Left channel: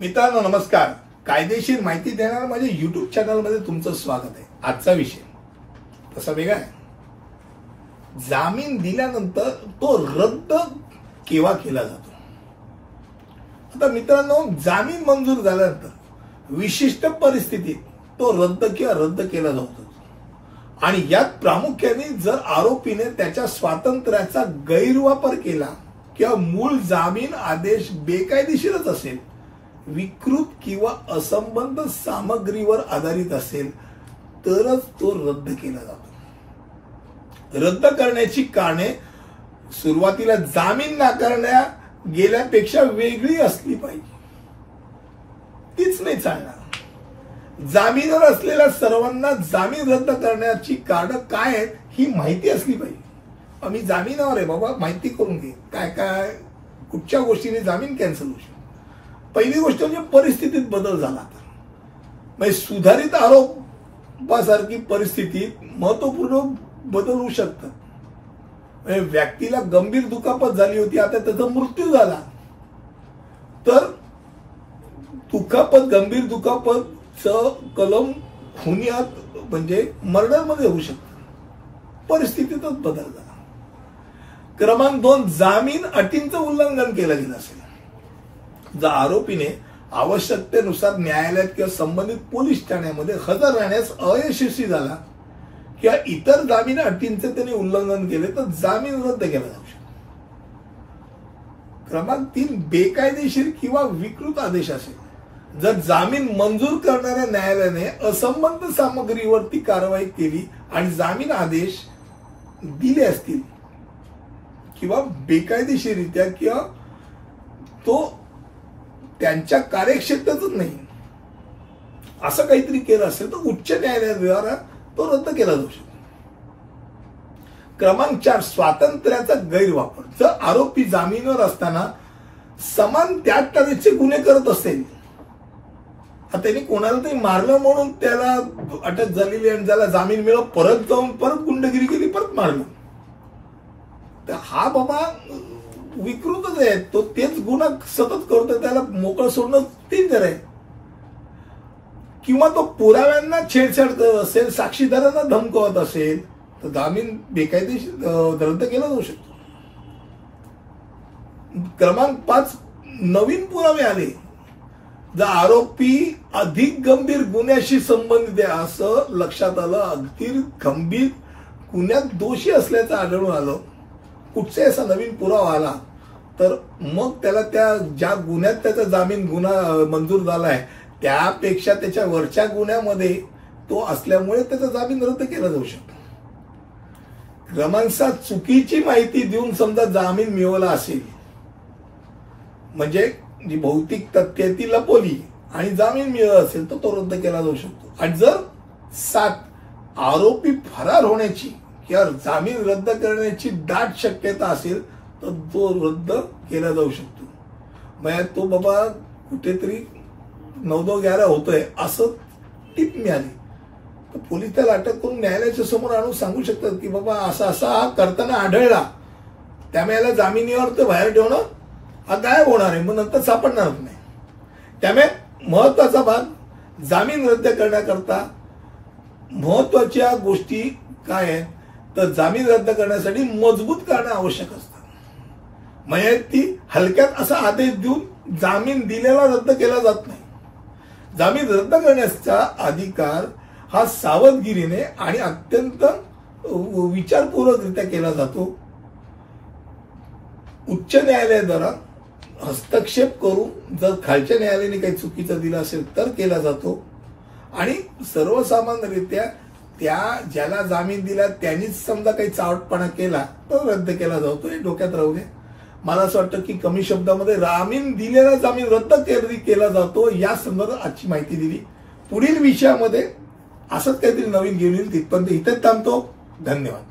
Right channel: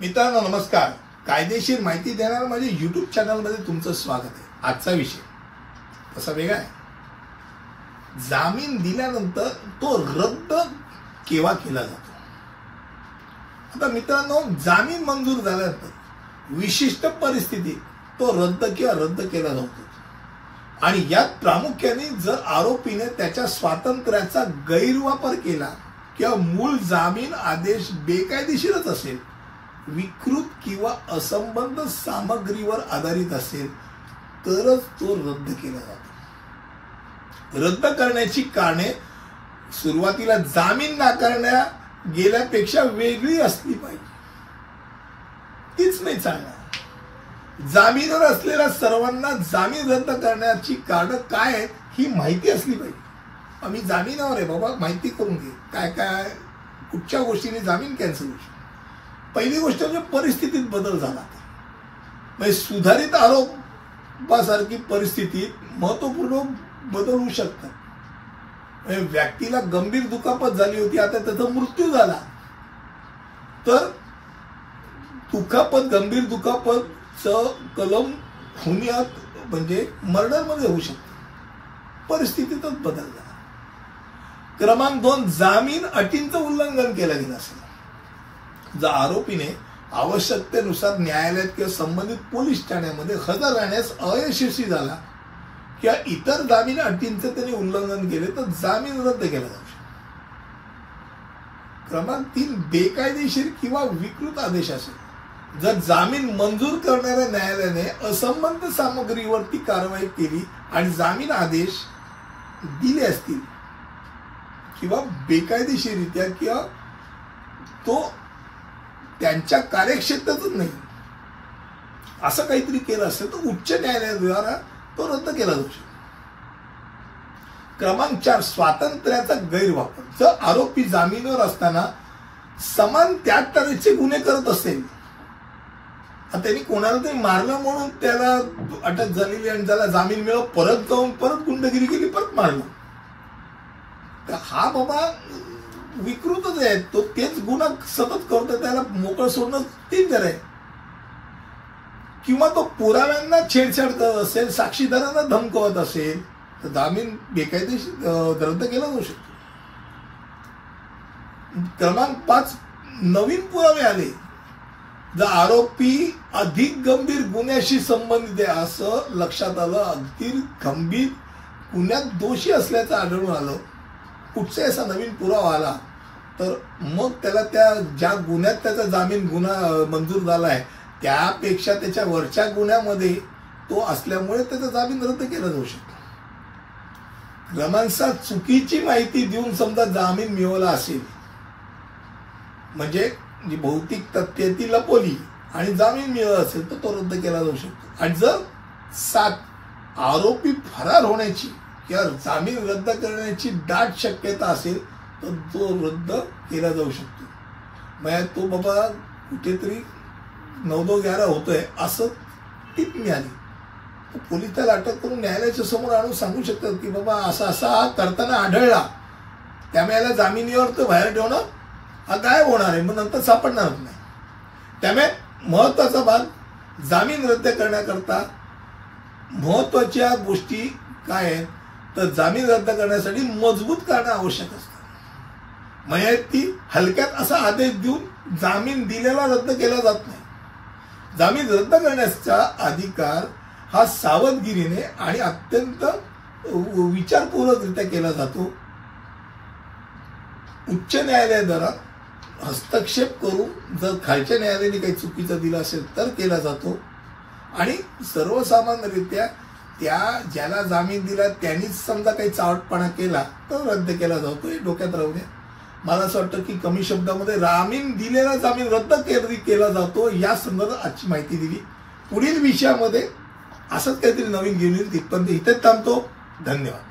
मित्रांनो नमस्कार. कायदेशीर माहिती देणार माझ्या YouTube चॅनलमध्ये तुमचं स्वागत आहे. आजचा विषय कसा वेगळा आहे. जामीन दिल्यानंतर तो रद्द केव्हा केला जातो. आता मित्रांनो, जामीन मंजूर झाल्यानंतर विशिष्ट परिस्थितीत तो रद्द केला जातो आणि यात प्रामुख्याने जर आरोपीने त्याच्या स्वातंत्र्याचा गैरवापर केला किंवा मूळ जामीन आदेश बेकायदेशीरच असेल, विकृत किंवा असंबद्ध सामग्रीवर आधारित असेल तरच तो रद्द केला जातो. रद्द करण्याची कारणे सुरुवातीला जामीन नाकारण्या गेल्यापेक्षा वेगळी असली पाहिजे. तीच नाही चालणार. जामीनवर असलेल्या सर्वांना जामीन रद्द करण्याची कारण काय आहेत ही माहिती असली पाहिजे. आम्ही जामीनावर आहे बाबा, माहिती करून घे काय काय कुठच्या गोष्टीने जामीन कॅन्सल होऊ शकतो. पहिली गोष्ट म्हणजे परिस्थितीत बदल झाला. म्हणजे सुधारित आरोपासारखी परिस्थितीत महत्वपूर्ण बदल होऊ शकतात. व्यक्तीला गंभीर दुखापत झाली होती, आता त्याचा मृत्यू झाला तर गंभीर दुखापतचं कलम खुनियात म्हणजे मर्डरमध्ये होऊ शकतं. परिस्थितीतच बदल झाला. क्रमांक 2, जामीन अटींचं उल्लंघन केलं गेलं असेल. जर आरोपीने आवश्यकतेनुसार न्यायालयात किंवा संबंधित पोलीस ठाण्यामध्ये हजर राहण्यास अयशस्वी झाला किंवा इतर जामीन अटींचं त्याने उल्लंघन केले तर जामीन रद्द केला जाऊ शकतो. क्रमांक 3, बेकायदेशीर किंवा विकृत आदेश असेल. जर जामीन मंजूर करणाऱ्या न्यायालयाने असंबद्ध सामग्रीवरती कारवाई केली आणि जामीन आदेश दिले असतील किंवा बेकायदेशीररित्या किंवा तो त्यांच्या कार्यक्षेत्रातच नाही असं काहीतरी केलं असेल तर उच्च न्यायालयाद्वारे तो रद्द केला जाऊ शकतो. क्रमांक 4, स्वातंत्र्याचा गैरवापर. जर आरोपी जामीनवर असताना समान त्याग तऱ्हेचे गुन्हे करत असेल, त्यांनी कोणाला तरी मारलं म्हणून त्याला अटक झालेली आणि त्याला जामीन मिळव, परत जाऊन परत गुंडगिरी केली, परत मारलं, तर हा बाबा विकृतच आहे. तो तेच गुन्हा सतत करतो, त्याला मोकळं सोडणं डेंजर आहे. किंवा तो पुराव्यांना छेडछाड करत असेल, साक्षीदारांना धमकवत असेल तर जामीन बेकायदेशीर रद्द केला जाऊ शकतो. क्रमांक 5, नवीन पुरावे आले. जर आरोपी अधिक गंभीर गुन्ह्याशी संबंधित आहे असं लक्षात आलं, अगदी गंभीर गुन्ह्यात दोषी असल्याचं आढळून आलं, कुठचाही असा नवीन पुरावा आला तर मग त्याला त्या ज्या गुन्ह्यात त्याचा जामीन मंजूर झाला आहे त्यापेक्षा त्याच्या वरच्या गुन्ह्यामध्ये तो असल्यामुळे त्याचा जामीन रद्द केला जाऊ शकतो. क्रमांक 7, चुकीची माहिती देऊन समजा जामीन मिळवला असेल, म्हणजे जी भौतिक तथ्य ती लपवली आणि जामीन मिळवला असेल तर तो रद्द केला जाऊ शकतो. आणि जर 7, आरोपी फरार होण्याची किंवा जामीन रद्द करण्याची दाट शक्यता असेल तर तो रद्द केला जाऊ शकतो. म्हणजे तो बाबा कुठेतरी 9-11 होतोय असं टीप मिळाली तर पोलीस त्याला अटक करून न्यायालयाच्या समोर आणून सांगू शकतात की बाबा असा हा करताना आढळला, त्यामुळे याला जामिनीवर तर बाहेर ठेवणं हा गायब होणार आहे, मग नंतर सापडणारच नाही. त्यामुळे महत्वाचा भाग, जामीन रद्द करण्याकरता महत्वाच्या गोष्टी काय आहेत तर जामीन रद्द करण्यासाठी मजबूत कारणं आवश्यक असतात. म्हणजे ती हलक्यात असा आदेश देऊन जामीन दिलेला रद्द केला जात नाही. जामीन रद्द करण्याचा अधिकार हा सावधगिरीने आणि अत्यंत विचारपूर्वकरित्या केला जातो. उच्च न्यायालयाद्वारा हस्तक्षेप करून जर खालच्या न्यायालयाने काही चुकीचं दिलं असेल तर केला जातो आणि सर्वसामान्यरित्या त्या ज्याला जामीन दिला त्यांनीच समजा काही चावटपणा केला तर रद्द केला जातो. हे डोक्यात राहू नये. मला असं वाटतं की कमी शब्दामध्ये जामीन दिलेला जामीन रद्द केला जातो या संदर्भात आजची माहिती दिली. पुढील विषयामध्ये असंच काहीतरी नवीन घेऊन येईल. तिथपर्यंत इथेच थांबतो. धन्यवाद.